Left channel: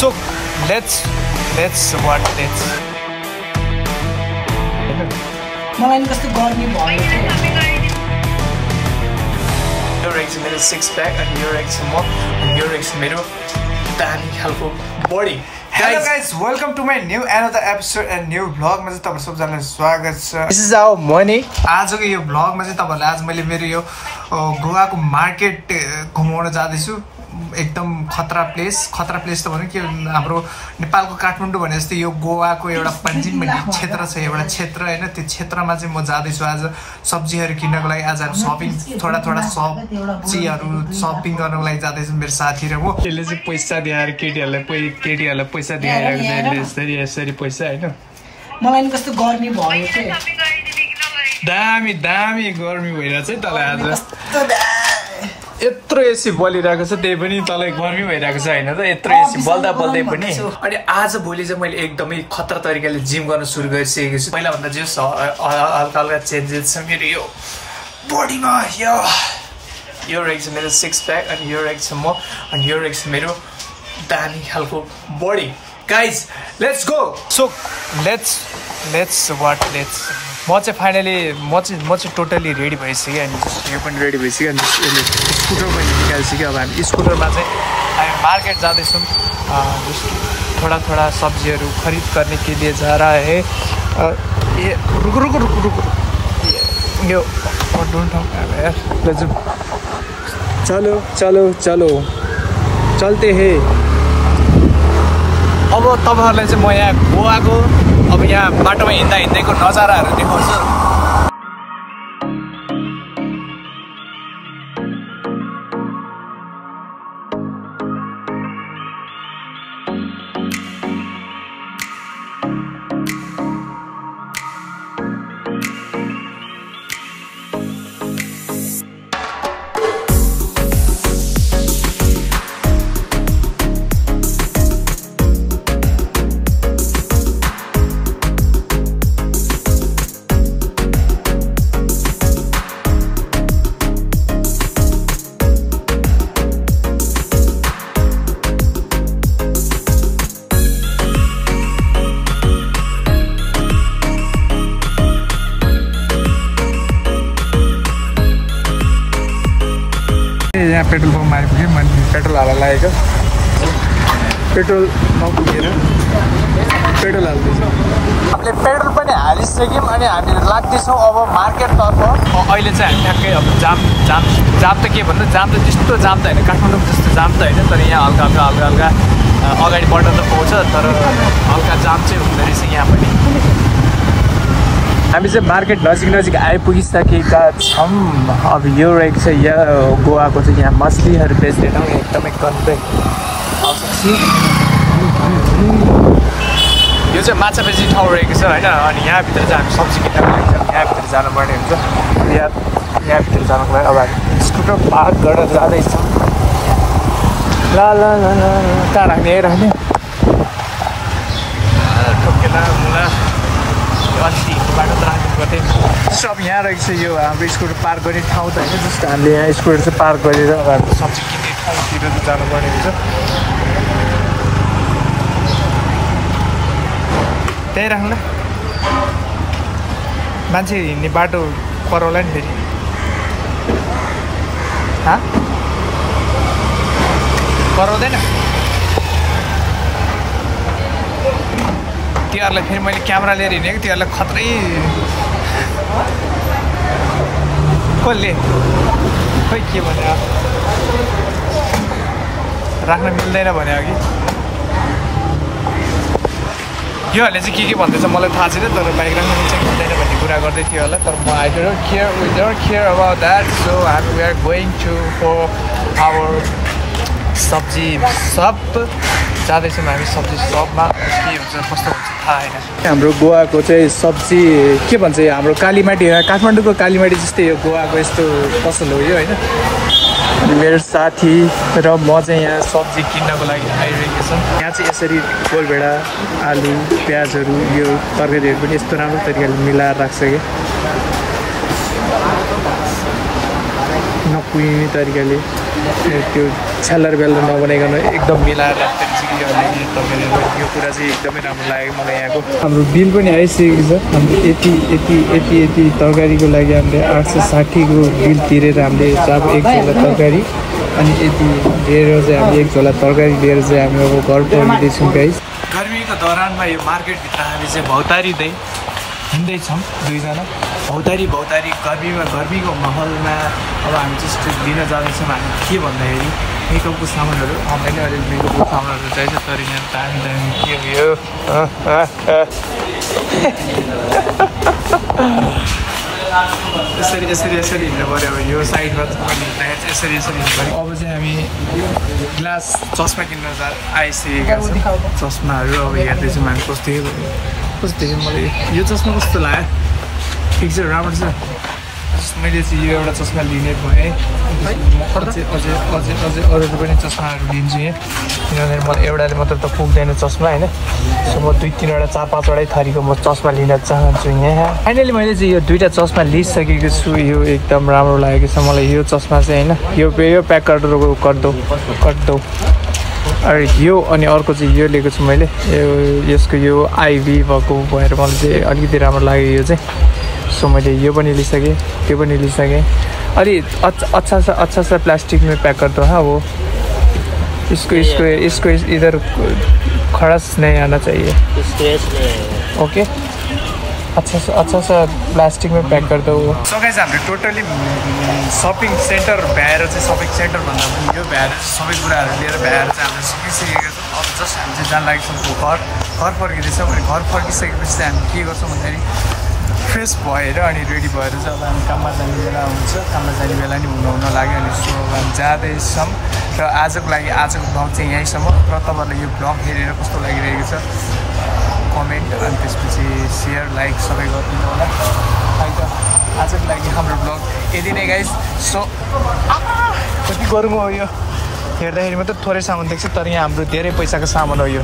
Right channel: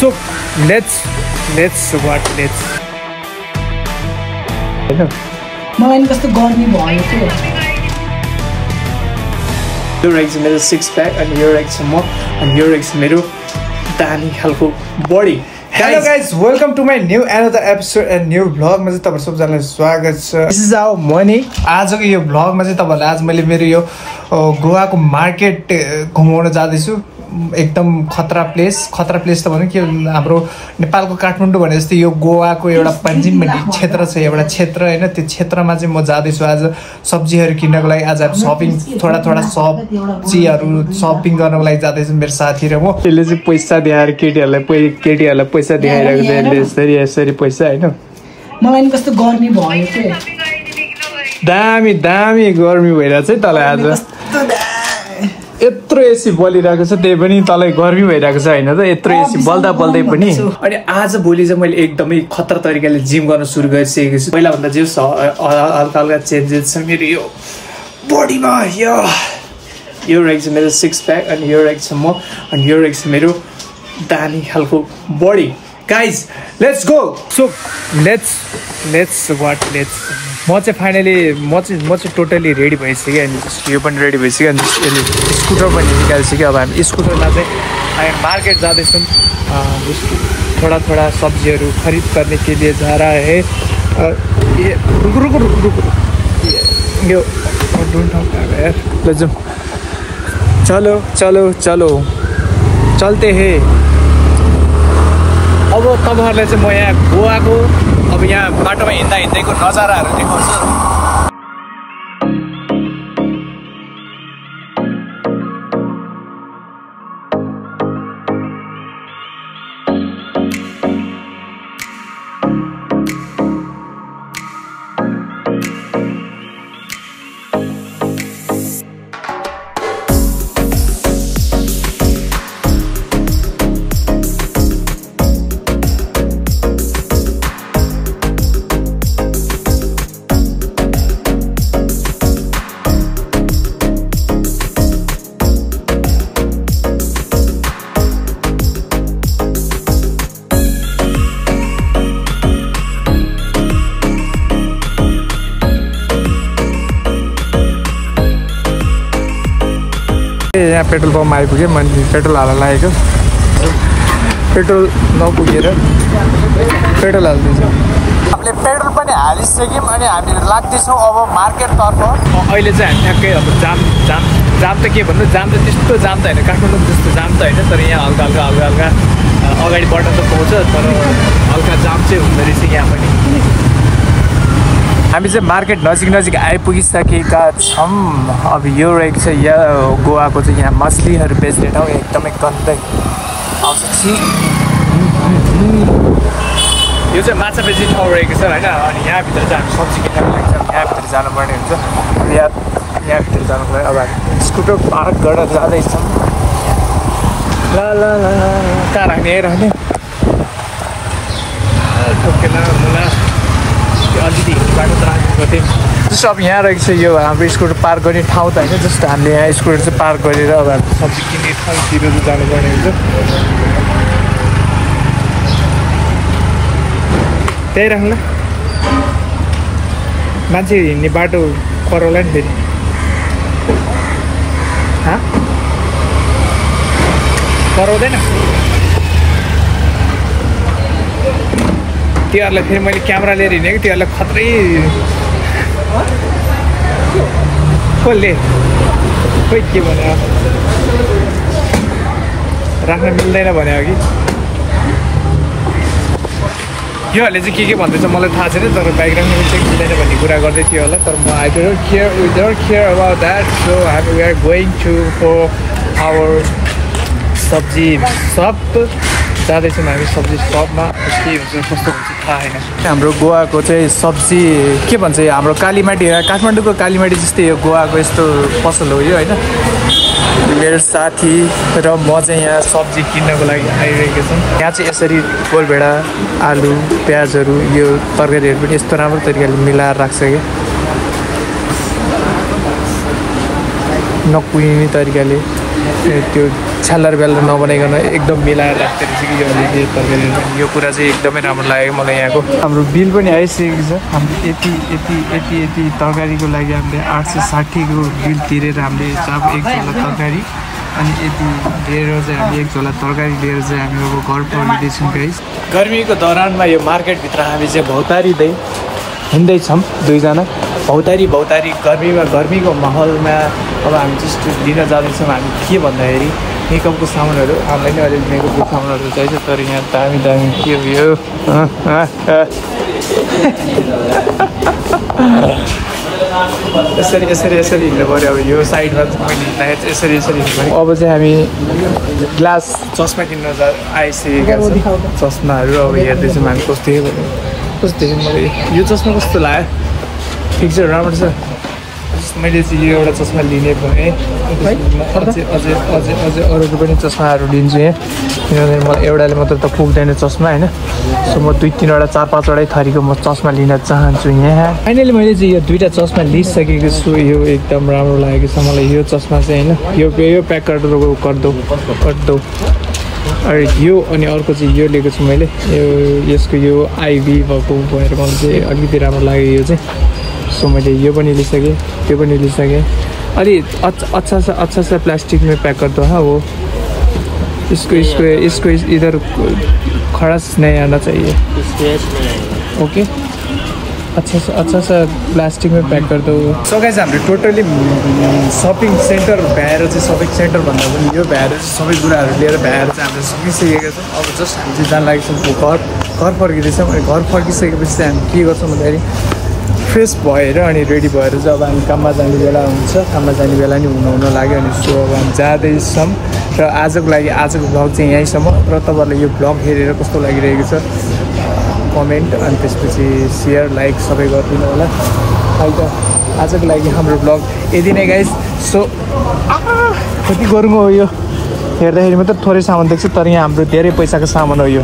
So let's what let's मलाई कस्तो गर्मी भयो के यो रहेछ मेरो सिक्स प्याक अनि यो रहेछ म अनि यो रहेछ मेरो दानी खालको body Hello guys, welcome to my new another episode and new vlog मा चाहिँ तपाईहरु सबैजनालाई स्वागत छ। This is our morning। आजको यो vlog मा चाहिँ तपाईहरुलाई आज मैले मेरो यो गोवाको मार्केट घुमाउन जाँदैछु। एकदम खतरा प्लेस त भन्नु के हाम्रो नेपालको काठमाडौँ भने जस्तै यो गोवाको एउटा पञ्जिम भन्ने क्षेत्र छ, एउटा क्षेत्र हैन, त्यो क्षेत्रमा चाहिँ म जाँदैछु आज सब्जीहरु किन्नको लागि। आज शपिङ थोडा सब्जीहरु शपिङ गर्नको लागि जाँदैछु मेरो साथी र म। यसले चाहिँ पैसा दिएर केटीहरुलाई पैसा दिइरहेको छ, यसरी पैसा हैन। मलाई कस्तो गर्मी भयो के दामी गर्मी भइरहेछ है तलाई आज। यत्रो एसी बलिरहेको छ त्यही पनि तलाई गर्मी भइरहेको छ हैन त, यत्रो एसी बल्दा बल्दै पनि। अनि आज भोलि चाहिँ मैले एकदमै खतरा तरिकाले जिम गर्न सुरु गरिसकेको छु। पहिला भन्दा जे हल्का चेन्जेस छ मेरो यो बडीमा। यो रहेछ मेरो सिक्स प्याक अनि यो रहेछ म अनि यो रहेछ मेरो दानी खालको बडी। Guys let's go. So let's म चाहिँ फाइनली म चाहिँ टोटली रेडी भइसकेँ अनि यो पनि रेडी भइसक्यो अनि स्कुटर पनि निकालिसक्यो। अब हामी स्कुटरमा चाहिँ हामी मार्केट जाँदैछौँ थोडा सब्जीहरू खरिद गर्ने के लिए जा रहा है। रुक यो चलो चलते हैं। अब तपाईहरुलाई चाहिँ म यहाँ गोवाको अब यहाँ बाटोमा हिँड्दैको नजाराहरू देखाउँछु। यहाँ पेट्रोल पम्प आइपुग्यो, मैले पेट्रोल हाल्न लागेको, पेट्रोल नपुगेर पेट्रोल हाल्दैछु। हामीले पेट्रोल पनि हालिसक्यौँ अनि हामी लाग्दैछौँ अब मार्केटतर्फ। अहिले चाहिँ हामी ठ्याक्कै अब जाम त के भन्नु, जाम त त्यस्तो जाम त होइन, काठमाडौँमा त्यस्तो जाम त होइन, तर यहाँ हल्का अगाडि बढ्न त पाउँछ, तर हल्का जाम चाहिँ हुँदो रहेछ यहाँ पनि। हामी चाहिँ मार्केट नजिक आइपुगिसकेका छौँ। अब यो रहेछ यहाँ गोवाको चाहिँ यहाँ मछलीहरू बेच्ने ठाउँ, एकदमै गन्दै आउँछ। यो चाहिँ माछा बेच्ने ठाउँ रहेको छ होइन। अनि यहाँभित्र चाहिँ हामी सब्जी किन्न यहाँभित्र जानुपर्ने हुन्छ। यहाँभित्र जानुको लागि अब हामी स्कुटर पार्क गरेर जाँदैछौँ। ल कहाँ राख्ने अलिकति बाटो राख्नु पर्थ्यो। जस्तो अब यहाँ रहेको छ यो हाम्रो स्कुटर पार्क गर्ने ठाउँ त होइन, जस्तो हामीले यहाँ स्कुटर चाहिँ पार्क गरेर अब हामी सब्जी किन्ने ठाउँतिर चाहिँ जानुपर्ने हुन्छ। त्यही राख्ला मान्छे हिँड्ने बाटो कराउला नि फेरि। कराउँदैन तिनीहरूलाई फेरि मैले क्यामेरा लिएर हिँडेको, तिनीहरूलाई खत्रै कसले खोइ के भन्यो राख्न मिल्दैन भने हो कि योहरूले चाहिँ के भन्दैछ मलाई थाहा छैन, तर बाइक राख्न चाहिँ मिल्दैन भन्ने कुरा गर्दै थियो होला। तर म I don't care about that. So we are going to for our सब्जी सप जाँदैछौँ हामी सब्जी सपमा। कस्तो हुन्छ थाहा होइन। हाम्रो गोवाको चाहिँ सब्जी के भन्छ हाम्रो कालीमाटी, काठमाडौँको कालीमाटी जस्तै यो गोवाको यस्तो पसन्द हो यो होइन। मेरो साथी र म चाहिँ यहाँ सब्जी किन्नको लागि आइरहेको छौँ। यहाँ चाहिँ यसरी कोरभेडा आलु प्याजहरू यो तरकारीहरू पनि यस्तो राम्रो तरिकाले मिलाएर राख्छ कि नकुहिने तरिकाले त्यो छालर बेल नबनाइकन एकदम मिलाएर राख्दाखेरि चाहिँ के गर्ने यो तरकारी यो कुरा चाहिँ एकदमै राम्रो लाग्यो मलाई यहाँको। हाम्रो बिल पनि आइसकेको छ। हाम्रो यति तरकारीको लागि हामीले 860को बिल तिरेर हामीले अब 1 झोला तरकारी अनि यति लिएर चाहिँ हामी 1 झोला तरकारी लिएर चाहिँ हामी अब घर फर्किँदैछौँ गाइस। गर्मीको दौरानमा यो मार्केटभित्र हामी चाहिँ भौतारिँदै हिँड्दैछौँ दुईजना भौतारी गर्मीको माहौलमा अब हामी त्यस्तो लिन जाँदैछौँ। हामी के भन्दाखेरि मेकअपको सामानहरू हामीलाई नै अलिक मेकअपको सामानहरू चाहिन्छ तर यहाँ दामी के उयो यसरी हिँड्नु पऱ्यो। अब यो साइडमा मैले हिँड्दाखेरि यसरी हिँड्नु पऱ्यो। अब चाहिँ हामी ग्लास चस्मा किन्न आइसकेका छौँ। चस्माहरू अब हेर्दैछौँ हामी कस्तो देख्यो मलाई यो चस्मा कस्तो लाग्यो? ठिक छ राम्रो छ। मैले चाहिँ यो एउटा चस्मा लिने भएँ अझै अरूको पनि चस्माहरू लिन्छु यहाँ। एउटाले मात्र त पुग्दैन चस्मा होइन। सो म 2-3वटा 4-5वटै थरीको म चस्मा लिन चाहन्छु यहाँ। फाइनली मैले चाहिँ यो 2टा चस्मा लिइसकेको छु। यो एकदम राम्रो लागेको छ मलाई यो चस्मा चाहिँ होइन। यो प्याक गर्दो अरे यो अनि अर्को चाहिँ यो लिएको छु मैले। यसको यो आइभी भएको भएर मलाई चाहिँ अलिकति राम्रो लाग्यो यो चाहिँ। सो मैले यो पनि लिइसकेँ त्यो पनि लिइसकेँ। अलि अच्छा सा प्लास्टिक में पैक कर दो। हाँ वो इसको इधर खड़ास नहीं आना चाहिए। ओके अच्छा सा प्लास्टिक में पैक कर दो। सो गाइस हामीले टोटली शपिङ सेन्टर भ्याएर चाहिँ शपिङ सेन्टर भन्दा पनि यो भ्याएर सबै कुराहरू लिएर भ्याएर चाहिँ हामीले सकिसकेका छौँ। अब जस्ट हामी चाहिँ जान लागेको छौँ घर फर्किँदैछौँ। अनि घर फर्किसकेपछि चाहिँ हामी के गर्छौँ भन्दाखेरि फ्रेस भएर अनि रेडी भएर चाहिँ अब हामी काममा जाने बेला हुन्छ। काममा जाने बेला नि हुन लाग्यो। अनि सो अब हामी जाँदैछौँ र आजको भ्लग चाहिँ यहीँसम्म। र तपाईँहरूले यो भ्लग हेरेर कस्तो लागिरहेको छ कमेन्ट अनि त्यसपछि सेयर लाइक सबै गरिदिनु होला। आजको लागि हाम्रो भ्लग यति नै गाइस। सो कति गरौँ हो यो हेर्दाखेरि मात्र थोरै सामान देख्छ तर यहाँ हाम्रो धेरै पैसाको सामान हो यो।